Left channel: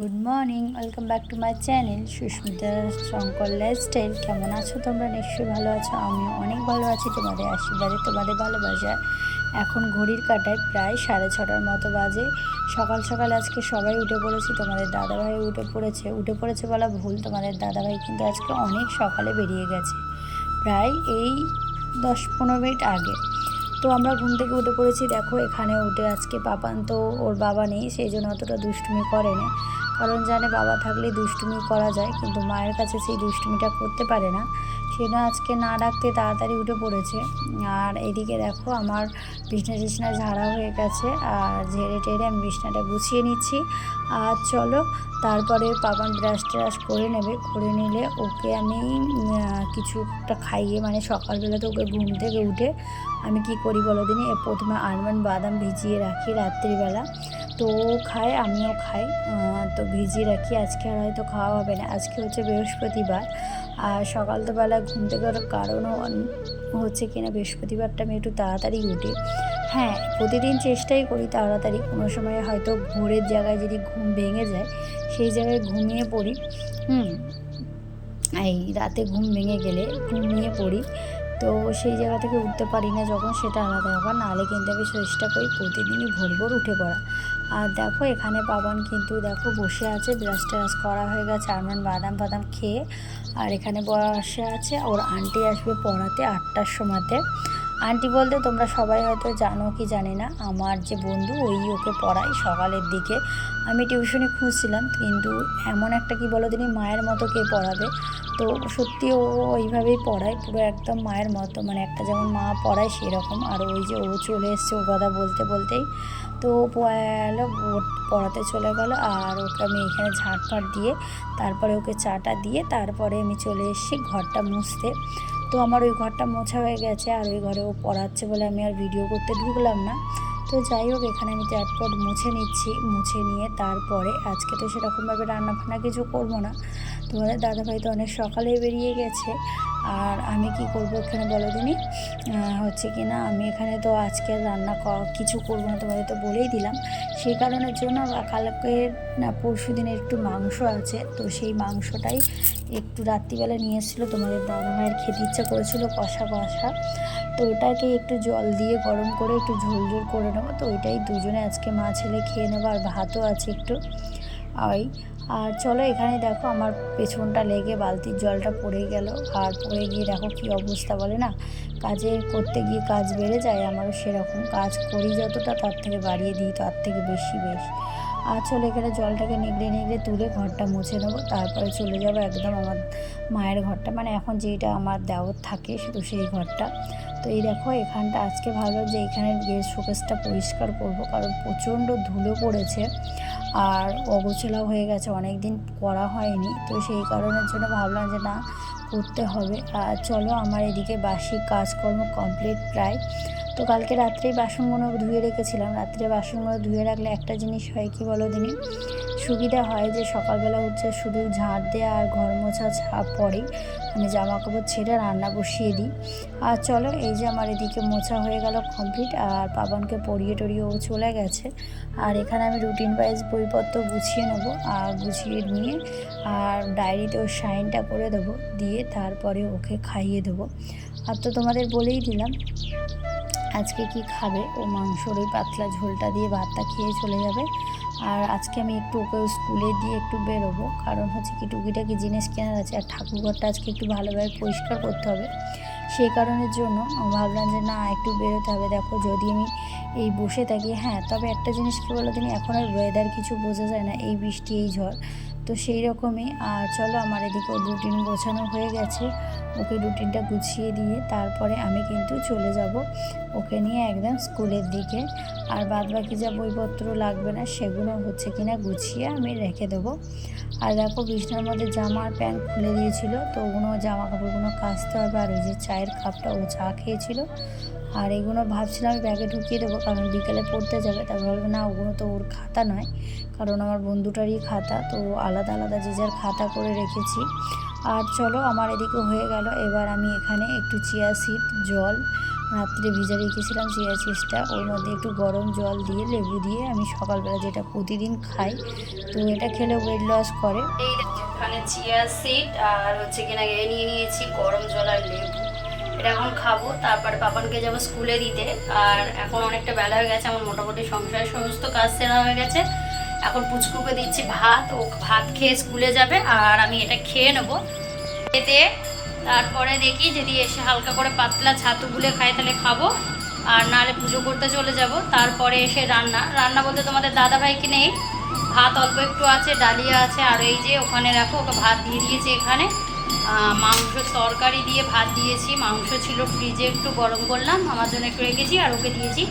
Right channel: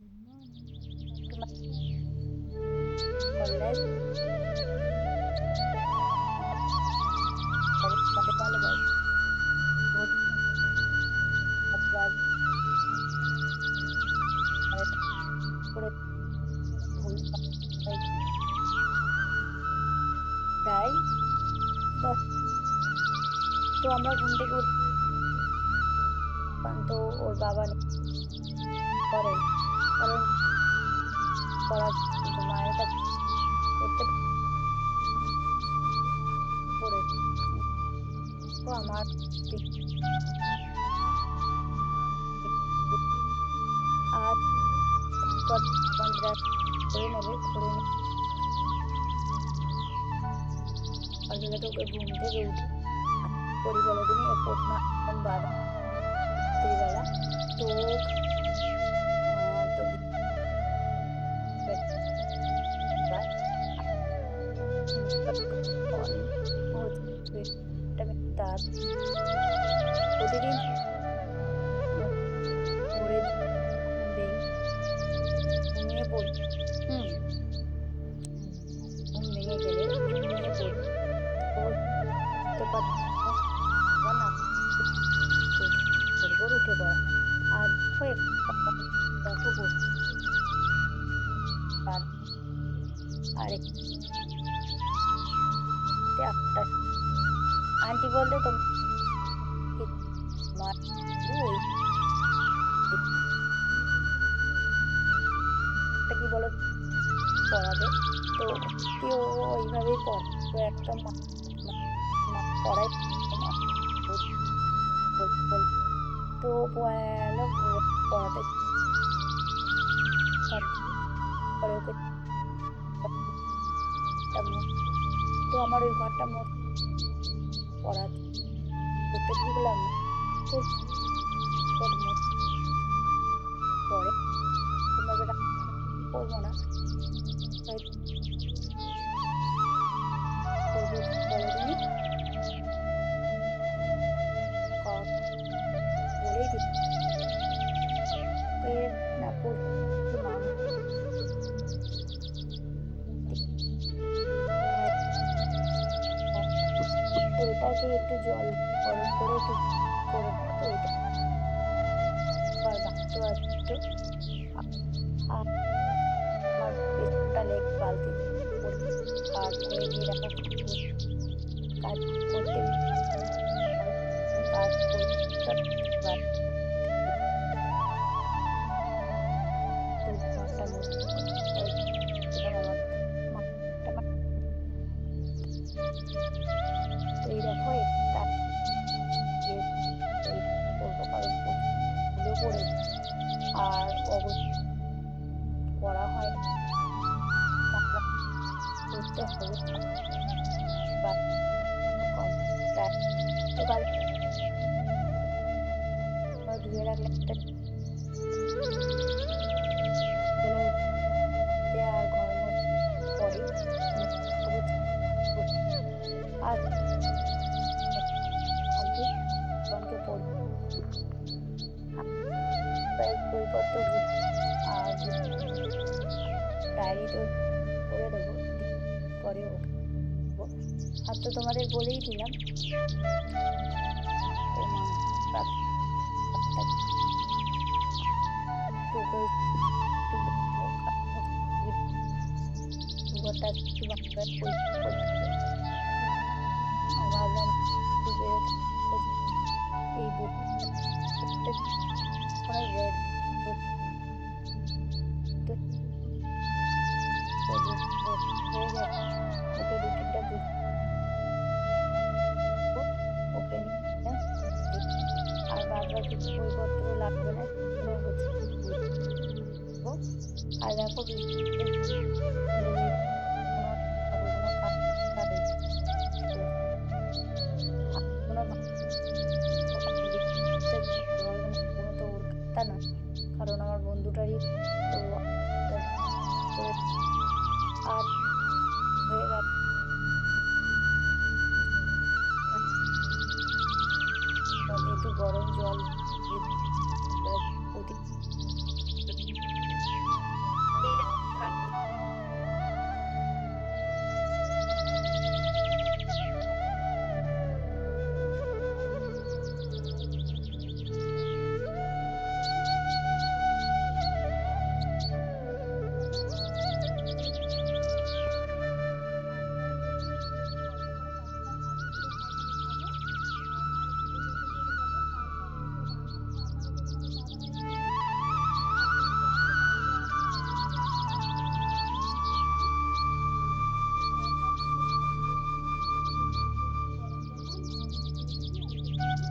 Good morning, welcome back to my channel Susmita Shankar lifestyle. কেমন আছো তোমরা? নিশ্চয়ই ভালো আছো। আমি অনেক ভালো আছি তোমাদের আশীর্বাদে, তোমাদের ভালোবাসা। এখন ঘড়ির কাঁটায় প্রায় 6:30 মতো বাজে। সকাল সকাল আজকে সবাই উঠে পড়েছি। তোমাদের দাদাভাই উঠে পড়েছে বলা ভুল, তোমাদের দাদাভাই কিন্তু আজকে অনেক সকালে বেরিয়ে গেছে, প্রায় এই 10-15 মিনিট আগে। তো আমরা ঘুম থেকে উঠে পড়েছি। দেখো এখানে উঠে আজকে পাপান তো ওর বাবা নেই, সেই জন্য অতটা দুষ্টুমি করে না, কারণ জানে বাবা থাকলে দুষ্টুমি করা যায়, কিন্তু মায়ের কাছে সেই দুষ্টুমিটা করতে পারে না। সেটা আজকে না ডাকতে তাড়াতাড়ি উঠে পড়েছে। আর এদিকে দেখো আমার বিছনা ঝাড়া হয়ে গেছে, আর ঝেড়ে টেড়ে আমি বিছনাটা গুছিয়ে নিচ্ছি। আর চলো তারপরে পাপান ব্রাশ ট্রাশ করে নেবে, করে নিলে ওকে আমি কিছু একটা খাইয়ে, মানে সকালবেলা তো ওকে ঘুম থেকে উঠে আমি কি করি বলো দিনই, প্রথমে আলমন্ড বাদাম ভিজিয়ে রাখি রাত্রিবেলা। তো ও খায়, আমিও খাই। তো ভিজিয়ে রাখি। আজকে আর হয়তো খাওয়া হবে না, আজকে হচ্ছে বৃহস্পতিবার। আর সকালবেলা ঘুম থেকে ওঠার কারণও হচ্ছে কিনা বৃহস্পতিবারটা আমি একটু তাড়াতাড়ি উঠি। হ্যাঁ, প্রতিদিন চেষ্টাই করি তাড়াতাড়ি, কোনো সময় হয়তো ভোরের জায়গায় যদি ঘুম ভেঙে যায় সেই জায়গায় ঘুমিয়ে পড়ি। এই রাতে ঘুম ভেঙে গেলে ঘুমিয়ে পড়ি, তো সেই জায়গা থেকে উঠতে পারি না যখন, সেটা আলাদা ব্যাপার। নাহলে কিন্তু আমি চেষ্টা করি প্রতিদিনই ভোর ভোর উঠে পড়া। আর দেখো এখানে পাবান কিন্তু দেখো বসে আছে, ব্রাশ ট্রাশ করা হয়ে গেছে আলমন্ড বাদাম বাদাম খেয়ে। আর এখানে বসে আছে, ওর আন্টি আসবে পড়াতে 8টার সময়তে। আন্টি বলতে তোমরা সবাই হয়তো জানো কি জানি না, আমার যে বন্ধু ওই ওকে পড়ায় সকালের দিকে। আমি টিউশনি খুঁজছিলাম, কিন্তু এমন একটা কি বলো দিনই মায়ের মতো কে পড়াবে। তো সত্যি ও ওইভাবেই পড়ায়, পুরো একদম মায়ের মতো, মানে একটা যেমন মা পড়ায় সেরকম। আর ওই যে ও চলে এসছে ওর কথা বলতে বলতেই, তো ও এলো, পড়াতে চলে গেল। আর ওকে আমি এখানে ঝাঁটফাট দিয়ে তারপরে ওকে চাটা দিয়ে তারপরে আমি চলে এসেছি ঘরটা মুছতে। তো আমার ওই ঘরটা মোছা হয়ে গেছে, আর ওই ঘরে ও পড়াচ্ছে বলে আমি আর ভিডিও করতে ঢুকলাম না। তো যাই হোক, এখানে আমি ঝটপট মুছে নিচ্ছি। মুছে নিয়ে তারপরে আজকে তো সেরকমভাবে রান্না বান্না কিছু করবো না, তোমাদের দাদাভাই তো অনেক সকালেই বেরিয়ে গেছে। আর আমি কি করবো এখানে বলো দিনই, হচ্ছে কি না, আমি এখানে তো আজকে রান্না কিছু করবো না, তোমাদের তো বলেই দিলাম। সেই কারণের জন্য কালকে না পরশু দিনের একটু মাংস আছে, তো সেই মাংসটাই একটু রাত্রিবেলা নিয়ে এসেছিলো তোমাদের দাদাভাইয়ের, খেতে ইচ্ছা করেছিল কষা কষা। তো ওটাকে একটু জল দিয়ে গরম করে একটু ঝোল ঝোল করে নেবো, তো ওইটাই দুজনে আজকে মা ছেলে খেয়ে নেবো। আর ভাতও আছে একটু ওই। আর চলো এখানে দেখো আমার পেছনটা লেগে বালতির জলটা পড়ে গেল। আর পড়ে গিয়ে দেখো কী অবস্থা, বলে না, কাজে করতে গিয়ে কাজ বেড়ে যায়। আমারও সেরকম, কাজ করি যতটা তার থেকে বাড়িয়ে দিই তার থেকে বেশি বেশ। আর চলো এখানে জলটাকে নিগড়ে নিগড়ে তুলে ঘরটা মুছে নেবো, তারপরে চলে যাবো একদম আমার মায়ের ঘরটা, মানে এখন যেটা আমার দেওর থাকে শুধু সেই ঘরটা। তো এই দেখো এখানটা আজকে ভাবলাম যে এখানে গেট শোকেসটা পরিষ্কার করবো, কারণ প্রচণ্ড ধুলো পড়েছে আর অগোছালো হয়ে গেছে, অনেক দিন করা হয়নি। তো সেই কারণের জন্য ভাবলাম যে না, করতে হবে। আর চলো আমার এদিকে বাসি কাজকর্ম কমপ্লিট প্রায়। তো কালকে রাত্রেই বাসনগুলো ধুয়ে রেখেছিলাম। রাত্রে বাসনগুলো ধুয়ে রাখলে একটা জিনিস হয় কি বলো দিনই, সুবিধা হয় যে সকালবেলা হচ্ছে শুধু ঝাঁট দেওয়া আর ঘর মোছা ছাপ পড়ে, আমি জামা কাপড় ছেড়ে রান্না বসিয়ে দিই। আর চলো এই যে আমার এদিকে মোছা হয়ে গেল কমপ্লিট, আর পাবনকে পরিয়ে টরিয়ে ও চলে গেছে। আর এখানে আমি রুটিন ওয়াইজ বইপত্র গুছিয়ে নেবো, আর গুছিয়ে নিয়ে আর ডায়েরিতেও সাইনটা করে দেবো, দিয়ে তারপরে ওকে খাইয়ে দেবো। আর তো তোমাদের বলেই দিলাম আজকে কি খাবে, ও মাংসর ওই পাতলা ঝোলটা দিয়ে ভাতটা খেয়ে চলে যাবে। আর আজকে আমি একটু ওকে স্কুলে দিয়ে একটু বেরোবো, কারণ হচ্ছে কি টুকিটাকি জিনিস কেনার আছে, আর ঠাকুরঘরটা আজকে একটু ভালোভাবে পরিষ্কার করতে হবে। সেই কারণের জন্য ভাবলাম যে না, একটু বেরোতে হবে। দেখো যদি আমি এই বসে থাকি, হ্যাঁ, তবে একটা জিনিস কী বলো তুমি, এখন আর ওয়েদার কিছু বোঝা যায় না, এই বৃষ্টি এই ঝড়, তো সেই রকমই। আর চলো আমার এদিকে রুটিন গোছানো হয়ে গেছে, ওকে রুটিনটা গুছিয়ে দিয়ে তারপরে আমি কিন্তু চলে যাব ওকে নিয়ে একদম স্কুলের দিকে। আর বাদ বাকি যা বইপত্র লাগবে না সেগুলো হচ্ছে কিনা গুছিয়ে আমি রেখে দেবো। আর দেখো বিছনার মধ্যে জামা আর প্যান্ট খুলে দিয়েছিল, তো ওগুলো জামা কাপড়গুলো কাচতে হবে। আর ওই যে চায়ের কাপটা ও চা খেয়েছিল, আর এগুলো ভাবছিলাম ব্যাগে ঢুকিয়ে দেবো, কারণ বিকেলে পড়তে যাবে। তারপর বলবে না, ওগুলো তো ওর খাতা নয়, কারণ আমার বন্ধুটারই খাতা, তো আলাদা আলাদা যে যার খাতা করে রেখেছি। আর চলো আমার এদিকে হয়ে গেল। এবার আমি এখানে একটু চিয়া সিড, জল রাত্রে ভিজে রেখেছিলাম চিয়া সিডসটা, ওর মধ্যে একটু গরম জল দিয়ে লেবু দিয়ে আমি সকালবেলা যেটা প্রতিদিন খাই, তো এটা খেলে ওয়েট লস করে। এই ওখানে চিয়া সিড আর হচ্ছে কিনা নিয়ে নিয়েছি গরম জল আর লেবু, এটা এখন খাবো। তারপর পাপানকে যাবো স্কুলে দিতে। আর এখন অনেকটা বেলা হয়ে গেছে, আমার মোটামুটি সংসারের সমস্ত কাজ সেরা হয়ে গেছে। এখন পুচকুকে দিচ্ছি ভাত, ও ভাত খেয়ে স্কুলে যাবে আর আমি এটা খেয়ে নেবো। খেতে তারপরে দেখি যদি এসে হালকা করে পাতলা ছাতু গুলে খাই তাহলে খাবো, আর নাহলে পুজো করতে চলে যাব। তারপরে এসে রান্না রান্না বলতে তোমাদের দাদাভাইকে নেই, ভাত অল্প একটু আছে, ডালিয়া আছে, আর এই যে ওখানে রাখো, ওকে ভাত দিয়ে দিয়েছি। এখানে মাংস তরকারি দিয়ে ভাত দিয়েছি, মাংস ছিল ফ্রিজে, একটু গরম করলাম, আমার জন্য একটু রেখেছি আর ওকে দিয়েছি।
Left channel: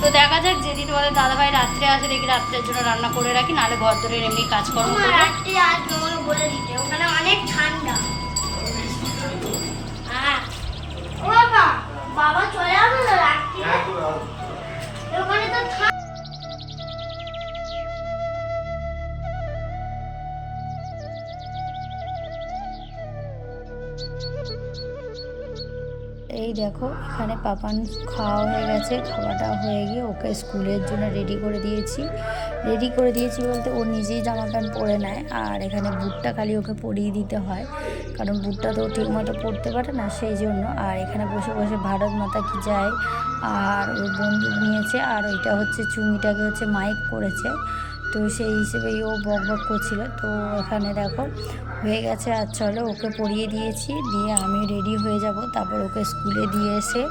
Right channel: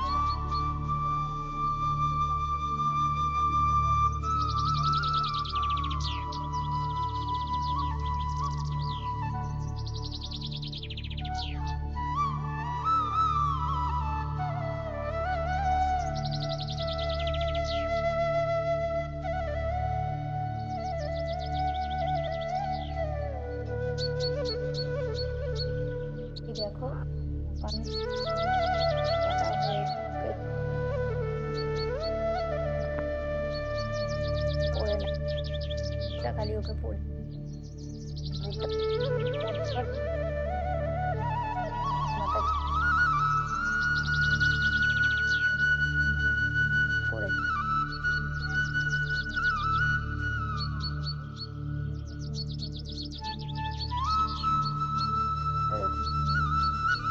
তো দেখা যাক যদি তোমাদের দাদাভাই রাত্রে আসে দেখি রাত্রের জন্য রান্না করে রাখি, নাহলে ঘর ধরে এমনি কাজকর্ম বলে দিতে, ওখানে অনেক ঠান্ডা। বাবা চলে আসবে ওখানে তো এই দেখো এখানে পাপান খাওয়া হয়ে গেছে, খাওয়াটা হয়ে গিয়ে ওকে স্কুলের জন্য রেডি করে দিয়েছি বলতে ও নিজেই জামা প্যান্ট পরে নেয়, আর এখানে বুটটা খালি ওকে পরিয়ে দিতে হয়, কারণ বুটটা তো ঠিক মতো পরতে পারে না সেই জন্য। আর এখানে বসে বসে ভারত মাতা কি যায় আর ওর বন্ধু নিয়েছে, আর ওইটা হচ্ছে চুমিটাকে হচ্ছে মাইক করেছে, তো সেই হিসেবেই ও বক বক করছিল। তো এখানে দেখো হয়ে গেছে, আর চলো ওকে পরিয়ে দিয়েছি, দিয়ে আমি রেডি হয়ে যাব। তারপর ওকে স্কুলে দিয়ে এসে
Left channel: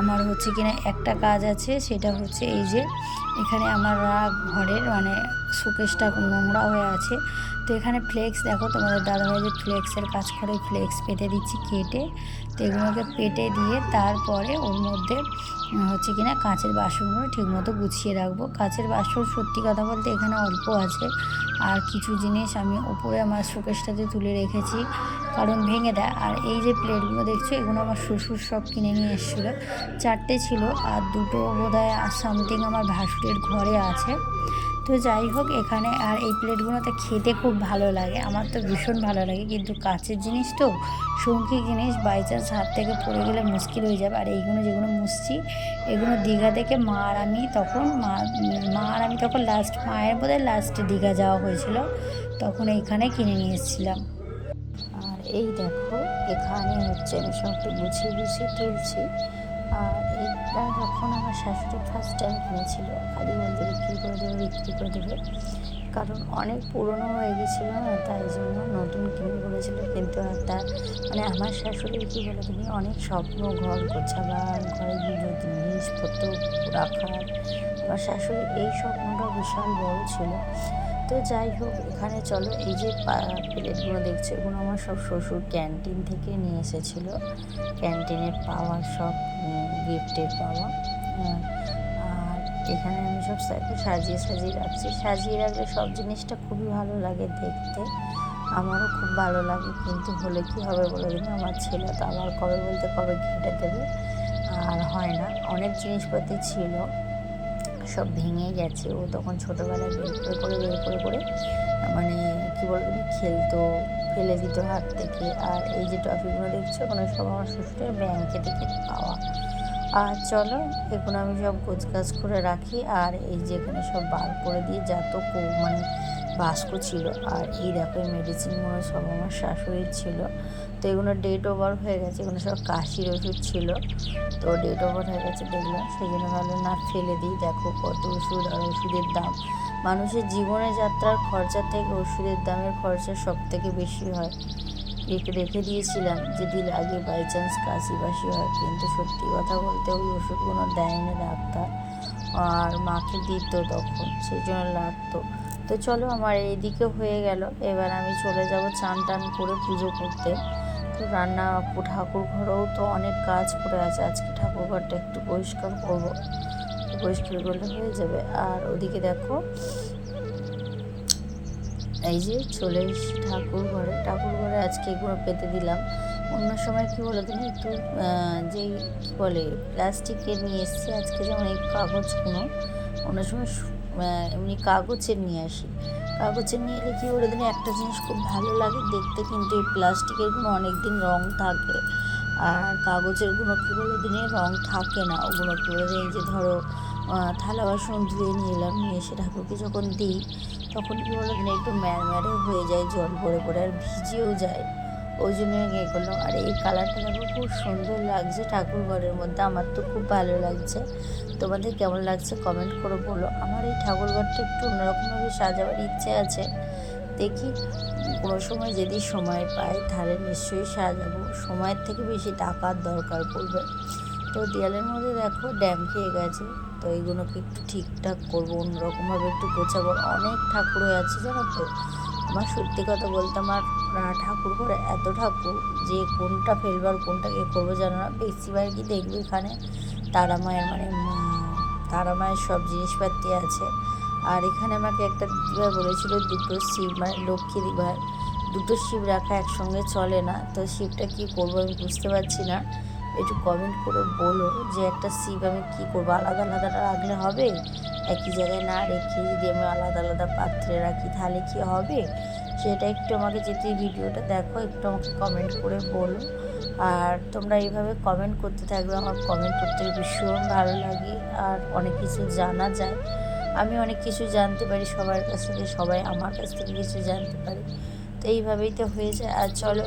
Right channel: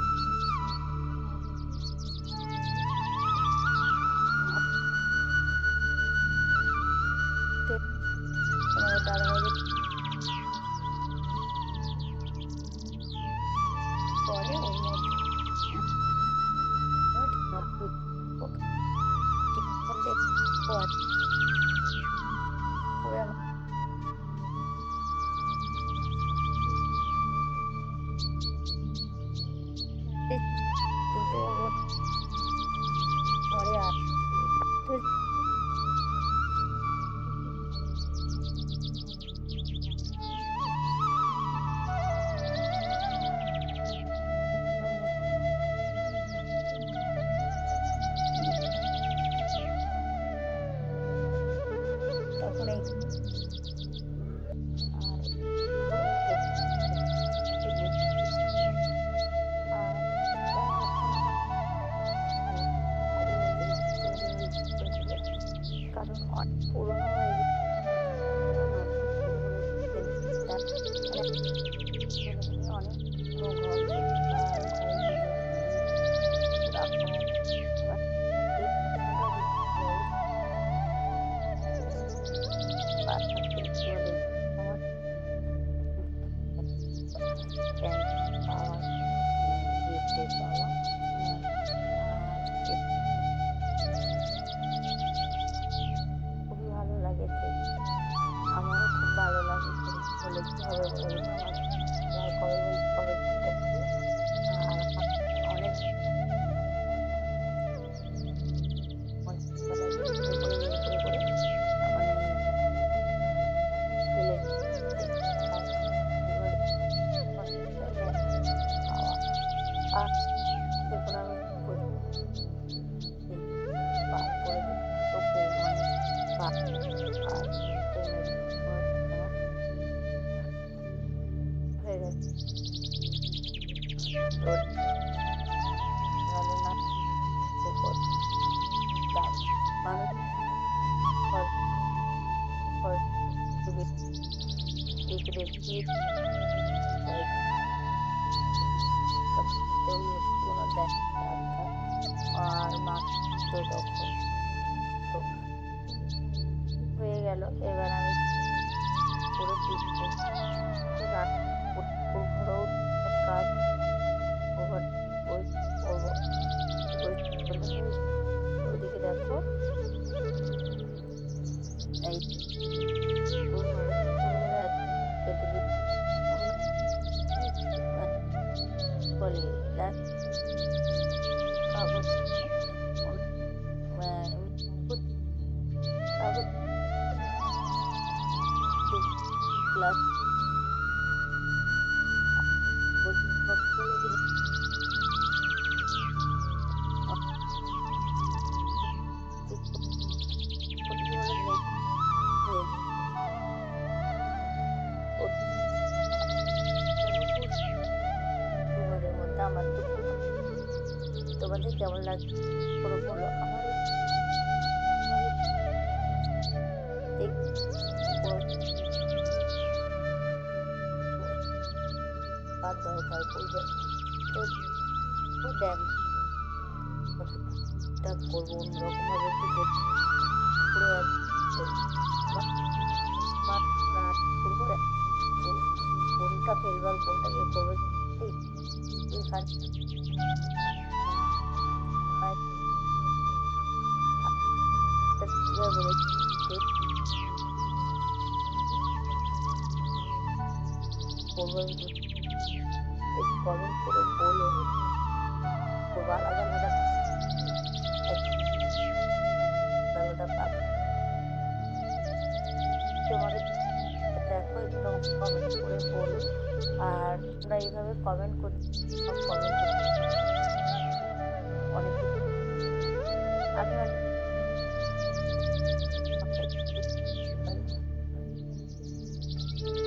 আমার হচ্ছে কিনা একটা কাজ আছে, সেটা হচ্ছে এই যে এখানে আমার ঘরের মানে শোকেসটা নোংরা হয়ে আছে, তো এখানে ফ্লেক্স দেখো তোমাদের দাদাভাই যে ফ্লেক্সের কাজ করে, ফ্লেক্স পেতে দিচ্ছি কেটে, তো এগুলোকে পেটে দিয়ে তারপরে ওর মধ্যে হচ্ছে কিনা কাঁচের বাসনগুলো ঠিকমতো গুছিয়ে রাখবো। কাঁচের বাসন সত্যি কথা বলতে এখানে অল্প আছে, আর কিছু জিনিস আমি ওপরে আমার শোকেসটাতে তুলে রেখেছি, কারণ ভেঙে দেয়। আর এই যে প্লেটগুলো দেখছো এগুলো আমার শ্বশুর সব কিনে নিয়ে এসেছিলো, 4টে ছিল, আর 2টো বোধহয় সামথিং আমার ভাসুরের ঘরে আছে। তো যাই হোক এখানে, আর এই প্লেটগুলোতে খেতে খুব ভালো লাগে, আমার তো ভীষণ ভালো লাগে, কিন্তু কাচের জিনিস তো, শঙ্কি জিনিস বাই চান্স হাত থেকে পড়ে গেলে মুশকিল হয়ে যাবে। আর এইগুলো যেগুলো মুছছি এগুলো দীঘা থেকে মা আর আমি তখন লাস্ট মায়ের বোধহয় লাস্টে দীঘা যাওয়া হয়েছিল, তখন এইখানে কিনে নিয়ে এসেছিলাম। আর এই দেখো এখানে হচ্ছে আমি সবটা গুছিয়ে তুলছি। আর এইটা এখন আমার শাশুড়ি ফার্স্ট টাইম কিনেছিল, খালি বলতে বিক্রি করে দেবে, কারণ অনেক পুরনো হয়ে গেছিলো না, তাই জন্য নতুন কিনে করেছিল। কিন্তু একটা মানে আমার শাশুড়ি কী বলে তুমি অনেক স্বপ্ন, ঘর গোছাবা, ঘরে জিনিসপত্র রাখার, আমার শাশুড়ির এই স্বপ্নটা বিশাল বড় ছিল। তো যাই হোক এখানে চলো এই যে প্লেটগুলো দেখছো এগুলো আমার সব শ্বশুর ক্যান্টিন থেকে নিয়ে এসেছিলো, ক্যান্টিনের পাওয়া সব গিফটের পাওয়া। আর এখানে আমি সব সাজিয়ে রাখছি, সাজিয়ে রাখলে সব জিনিসটা খুবই ভালো লাগে দেখতে, আমারও খুব ভালো লাগে। কিন্তু হলে কি হবে বলে দিন, আমার ছেলে তো আবার কবে বলতে কবে কেটে দেবে, আর হয় না। অনেক জিনিসপত্র ছিল সব ভেঙে গেছে, ও তখন ছোটোবেলায় বের করে মানে কী বলবো খেলতো, ফেলে দিত হাত থেকে। আর এই যে ট্রফিগুলো দেখছো ওগুলো সব আমার শ্বশুরের ব্যাংকে থেকে পাওয়া। আর চলো এগুলো আমি সব গোছগাছ করে রাখি, আর এই যেগুলো সব বার করে দিয়ে যত মানে বাস্ক ছিল। আর এই দেখো মেডিসিনগুলো সব আমার শাশুড়ির ছিল, তো এগুলো ডেট ওভার হয়ে গেছে, এগুলো সব কাশির ওষুধ ছিল, তো ডেট ওভার হয়ে গেছে দেখলাম, সেই জন্য ভাবলাম না ফেলে দিই। দেখো কত ওষুধ, আর ওষুধের দাম, মানুষের জীবনে যাত্রার খরচা থেকে ওষুধের দামের খরচা সব থেকে বেশি হয়। রেখে দিয়েছিলাম যদি লাগে বাই চান্স কাশি বাসি হয়, কিন্তু সত্যি কথা বলতে ওই ওষুধগুলো দেয়নি ডাক্তার, আর মাকে দিত তখন, সেই জন্য লাগতো। তো চলো আমার এইদিকে হয়ে গেল, এবার আমি চলে যাব চান টান করে পুজো করতে। তো রান্না ঠাকুর ঘরেও তো অনেক কাজ পড়ে আছে, আজকে ঠাকুর ঘরটা একটু পরিষ্কার করবো, পরিষ্কার করলে হয়ে যাবে। আর ওদিকে দেখো এই যে চলে এসেছি ঠাকুর ঘরে আজকে এগুলো পেতে দিলাম। অন্য সময় কী বলে তুমি একটু যেই কী বলে প্লাস্টিকের নিয়ে এসেছি, আজকে যেমন এই কাগজগুলো, অন্য সময় এমনি কাগজের নিয়ে আসি, কাগজের নিয়ে এলে কী বলে তুমি একটা জিনিস খুব ভালো লাগে দেখতে, কিন্তু এই প্লাস্টিকেরগুলো অনেক দিন রং থাকে, আর কাগজেরগুলো কী বলে দিনে রং থাকে না, ওগুলো কী বলে দিন, যে ধরো থালা বাসন ধুয়ে নিলাম, নিয়ে এসে ঠাকুরকে যখন দিই তখন কী বলে দিন একটু ম্যাড়ম্যাড়ে হয়ে যায়, জল পড়ে পড়ে আর ভিজেও যায়। ওই জন্য ইয়ে করলাম। আর এই কালারটা দেখো খুব সুন্দর লাগছে ঠাকুর ঘরের মধ্যে, আমার তো খুব ভালো লাগছে। তোমাদের কেমন লাগছে কমেন্ট করে বলো। আমার এই ঠাকুর ঘরটা একটু অন্যরকমভাবে সাজাবার ইচ্ছে আছে, দেখি কোনো সময় যদি সময় পাই তাহলে নিশ্চয়ই সাজাবো। সময়ের থেকে বেশি টাকার দরকার পড়বে। তো দেয়ালের মধ্যে দেখো ড্যাম খেয়ে গেছে, তো এইগুলোকে একটু ঠিকঠাক করবো, অন্যরকমভাবে একটু গোছাবো। অনেক ঠাকুর হয়ে আছে জানো তো। আমার সত্যি কথা বলতে আমার ঠাকুর ঘরে এত ঠাকুর যে কোনটা ফেলবার কোনটা ইয়ে করবো জানো না। বেশিরভাগই দেখবি এখানে তারা মায়ের তারা মায়ের সব জিনিসপাতি আছে। আর এখানে আমাকে একটা দিদিভাই বলেছিল দুটো শিব, মানে লক্ষ্মী দিদিভাই, দুটো শিব রাখা একসঙ্গে চলে না। তো শিবটা কী করবো আমি বুঝতে পারছি না, একটু কমেন্ট করে বলো যে একটা শিব আমি কী করবো, আলাদা আলাদা রাখলে হবে? একই জায়গায় না রেখে যদি আমি আলাদা আলাদা পাত্রে রাখি তাহলে কি হবে? সেটা একটু আমাকে, যদি ভিডিওটা দেখো একটু আমাকে কমেন্ট করে বলো। আর তোমরা এইভাবে কমেন্ট করতে থাকবে, আমার কমেন্ট করতে ভীষণ ভালো লাগে আর অনেক কিছু জানা যায়। আমি অনেক কিছু জানতে পারি সবার কাছ থেকে, সবাই আমার কাছ থেকে কিছু জানতে পারি। তো এইভাবেই তো হয়ে যায়। আর চলো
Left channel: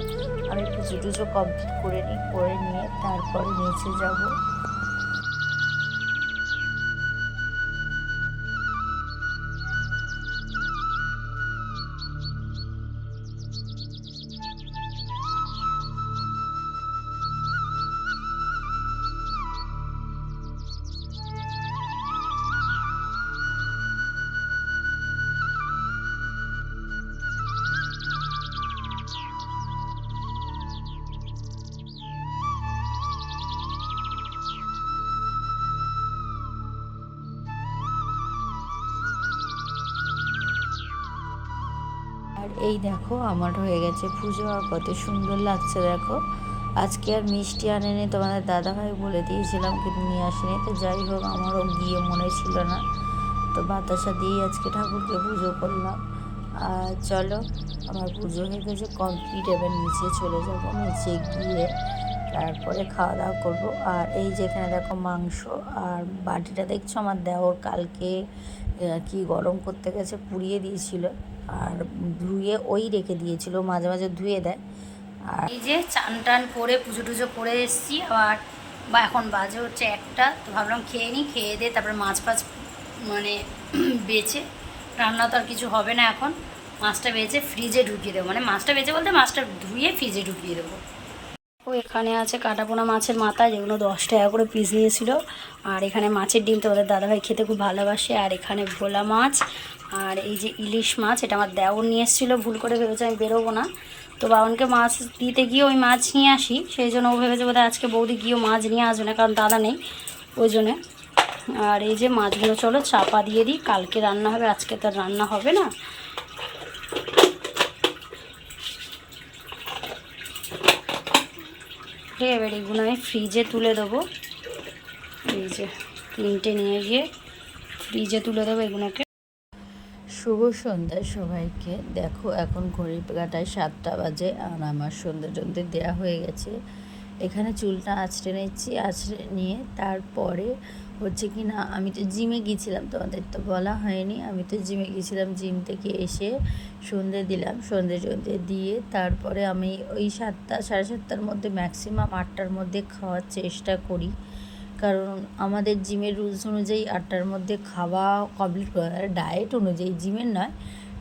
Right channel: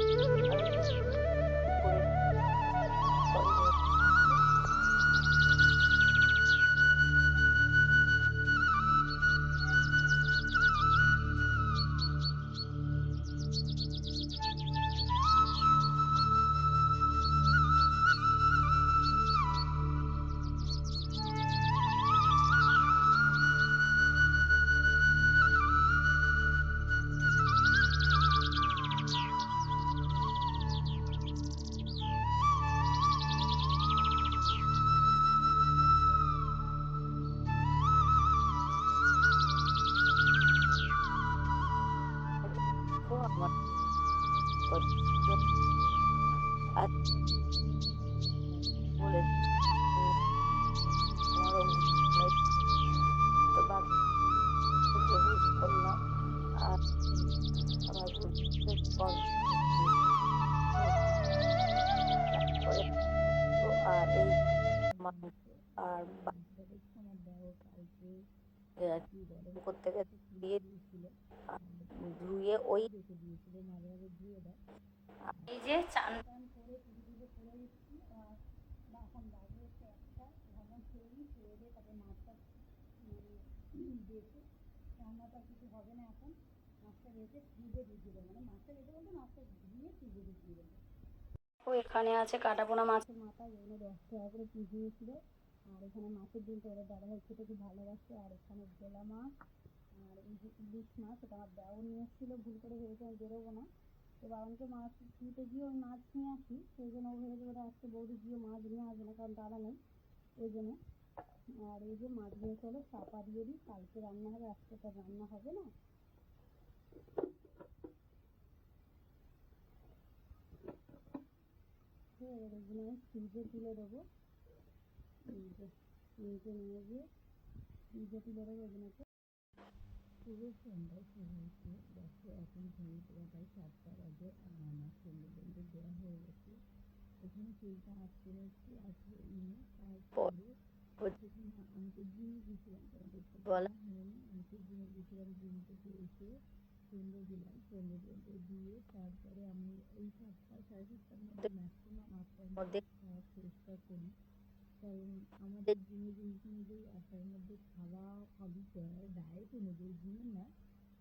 আমি পুজো টুজো কমপ্লিট করে নিই, করে নিয়ে তারপরে নিচে যাবো। আর এই দেখো আমার হয়ে গেছে পুজো, আর কত সুন্দর লাগছে দেখো। আজকে আর মিষ্টি আনেনি, তোমাদের দাদাভাই বলে দিয়েছিলাম কিন্তু নিয়ে আসেনি। তো যাই হোক আমারও গিয়ে মনে ছিল না, তো বাতাসা দিয়েই আজকে ঠাকুরকে পুজো করলাম। আর চলো আমার পুজো হয়ে গেছে কমপ্লিট, এবার নিচে চলে যাবো, নিচে গিয়ে তারপরে খাওয়া দাওয়া করবো। আর এই যেখানে দেখো মাংস, আর বাটিটা দেখছো আমার দেওর কালকে কি গরম করতে গেছে পুড়িয়ে দিয়েছিল, আর ধুয়ে ওই রেখে দিয়েছিল, মাঝে মাঝে ধুয়ে দেয়। আর এই যে চান টান করে পুজো টুজো করে এসেছি আবার, বা এখন বাজে হচ্ছে 1টা, তো ভাবলাম খেয়ে নিই, খেয়ে দিয়ে তারপরে মাছ ফাছ মানে বেচে, রান্না তো আর কিছু হবে না এখন, মাছটা বেচে ফ্রিজে ঢুকিয়ে দেবো, মানে মাছটা বেচে বলতে মাছটা ধুয়ে ফ্রিজে ঢুকিয়ে দেবো। ও এখানে আছে কাটাপোনা মাছের মাথা, যেগুলো 10 টাকা করে পিস নিয়েছিল। আর এখানে মাছের ডিম, তোমাদের দাদাভাই খেতে খুব ভালোবাসে। আর এখানে ভোলা মাছ, আর এই যে ইলিশ মাছ, এটা আমার দেওর নিয়ে এসেছিলো, ভুল করে ভেবেছে আমি বেরোবো না, তো বাবানকে মাছ দিতে গিয়ে ওই মাছ নিয়ে আসি, সেই জন্য ও ভেবেছে বোধহয় আজকে বৌদি গিয়েও মাছ নিয়ে আসবে না, কারণ দাদা নেই ওই জন্যে। আর এই যে মাছগুলো চলো চাপা দিয়ে দিই, কালকে রান্না হবে, আজকে তো রান্না হবে না। এবার এগুলো আমি ফ্রিজে তুলে দেবো, এই যে 3টে নিয়ে গিয়ে ফ্রিজে তুলে দেবো এগুলোকে। শুভ সন্ধ্যা সবাইকে। দেখো এখন ঘড়ির কাঁটায় 7টা বাজে, আর আমার সন্ধ্যা টন্ধে দেওয়া হয়ে গেছে। এখানে চুলটা আঁচড়ে নিচ্ছি, আঁচড়ে নিয়ে তারপরে হচ্ছে কি না, আমি তো জিমে গিয়েছিলাম, তোমাদের তো বলা হয়নি, আমি তো জিমে গিয়েছিলাম, জিম থেকে এসে সন্ধে দিলাম, সন্ধে টন্ধে দিয়ে তারপরে আমি ওই 7টা 7:30টার মধ্যে, ম্যাক্সিমাম 8টার মধ্যে খাওয়ার চেষ্টা করি, কারণ আমাদের জিমের রুলস অনুযায়ী 8টার মধ্যে খাওয়া কমপ্লিট করে, ডায়েট অনুযায়ী, জিমের নয়,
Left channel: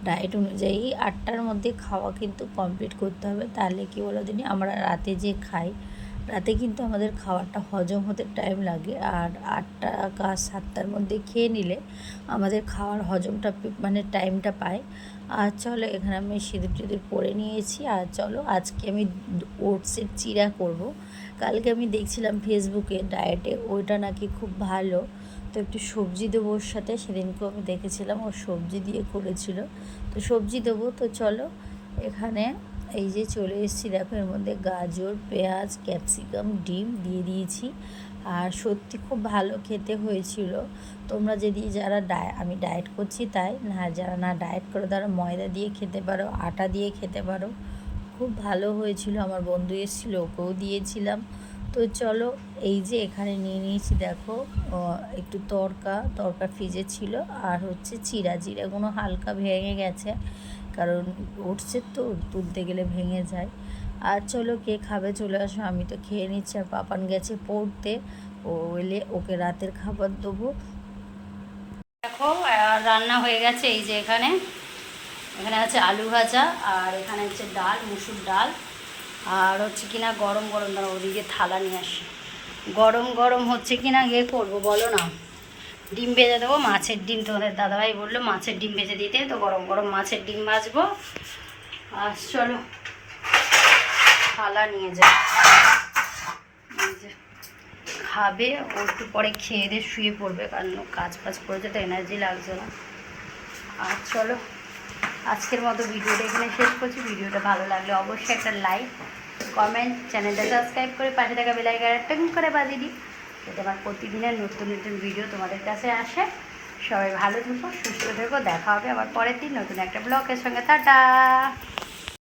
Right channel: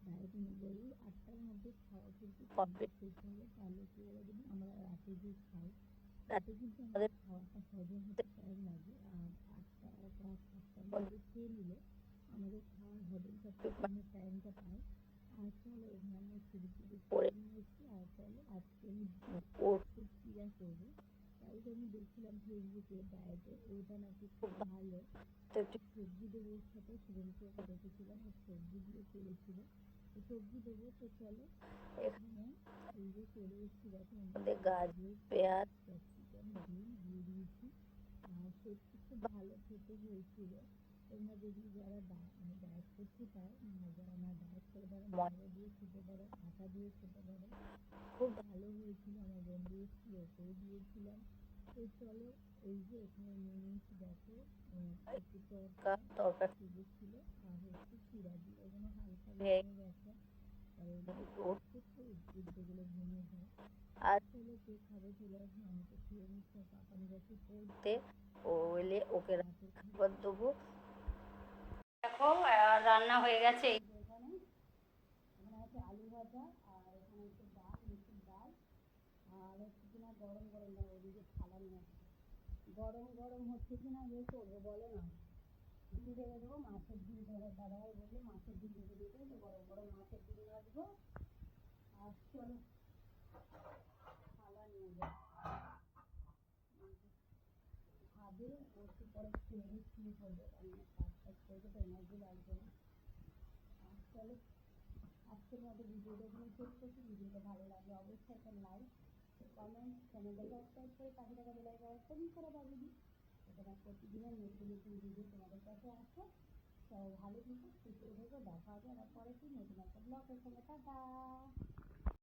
ডায়েট অনুযায়ী 8টার মধ্যে খাওয়া কিন্তু কমপ্লিট করতে হবে। তাহলে কি বলো দিনই, আমরা রাতে যে খাই, রাতে কিন্তু আমাদের খাবারটা হজম হতে টাইম লাগে, আর 8টা বা 7টার মধ্যে খেয়ে নিলে আমাদের খাওয়ার হজমটা মানে টাইমটা পায়। আর চলো এখানে আমি সিঁদুর টিঁদুর পরে নিয়েছি। আর চলো আজকে আমি ওটসের চিড়া করব। কালকে আমি দেখছিলাম ফেসবুকে ডায়েটে, ওইটা নাকি খুব ভালো, তো একটু সবজি দেবো ওর সাথে, সেদিনকেও আমি দেখেছিলাম ও সবজি দিয়ে করেছিল, তো সবজি দেবো। তো চলো এখানে এই যে চলে এসেছি, দেখো এর মধ্যে গাজর, পেঁয়াজ, ক্যাপসিকাম, ডিম দিয়ে দিয়েছি। আর সত্যি খুব ভালো খেতে হয়েছিল। তোমরা যদি যারা আমি ডায়েট করছি তাই না, যারা না ডায়েট করো তারা ময়দা দিয়ে খেতে পারো, আটা দিয়ে খেতে পারো, খুব ভালো হয়েছিল, আমার বন্ধু এসেছিল, ওকেও দিয়েছিলাম। তো চলো, এই যে এখানে নিয়ে নিয়েছি দেখো একটু তরকা ফ্রিজে ছিল, আর হচ্ছে জিরাগুলো হালকা ভেঙে গেছে, কারণ উঠছে তো, তুলতে গেলে ভেঙে যায়। আর চলো, কে খাবে চলে আসো, আমি তো খেয়ে নিচ্ছি। আর পাপান গেছে পড়তে, ও এলে ওকে রাতের খাবার দেবো। দেখো রান্না হয়ে গেছে, এই যে এখানে এখানে আছে আলু ভাজা, আর এখানে হচ্ছে ডাল, মুসুর ডাল, আর হচ্ছে কিনা গরম গরম, দাঁড়া ওদিকে থালা নিয়ে আসি, গরম গরম হচ্ছে কিনা ইয়ে করবো বলো না, ডিম ভেজে দেবো, মাছের ডিম। তোমাদের দাদাভাই বললো মাছের ডিম ভেজে দিতে, তো গরম গরম মাছের ডিম ভাজবো। আর চলো থালা নিয়ে যাই, খাবে ও, একটু পরে খেয়ে দিয়ে শুয়ে পড়বে, কারণ কাজ ফাজ করেছে তো এনার্জি লাগছে না। আর চলো, আজকের মতো ভিডিওটা এখানে শেষ করছি। ভিডিওটা ভালো লাগলে অবশ্যই একটা লাইক, কমেন্ট, চ্যানেলটা সাবস্ক্রাইব করে পাশে থাকা বেল আইকনটা টং করে বাজিয়ে দিই, যাতে আমার প্রতিদিনের নতুন নতুন ভিডিও তোমাদের কাছে আসে। সবাই ভালো থেকো, সুস্থ থেকো, দেখা হবে আবার পরের দিন নতুন একটা ব্লগের সঙ্গে। টাটা।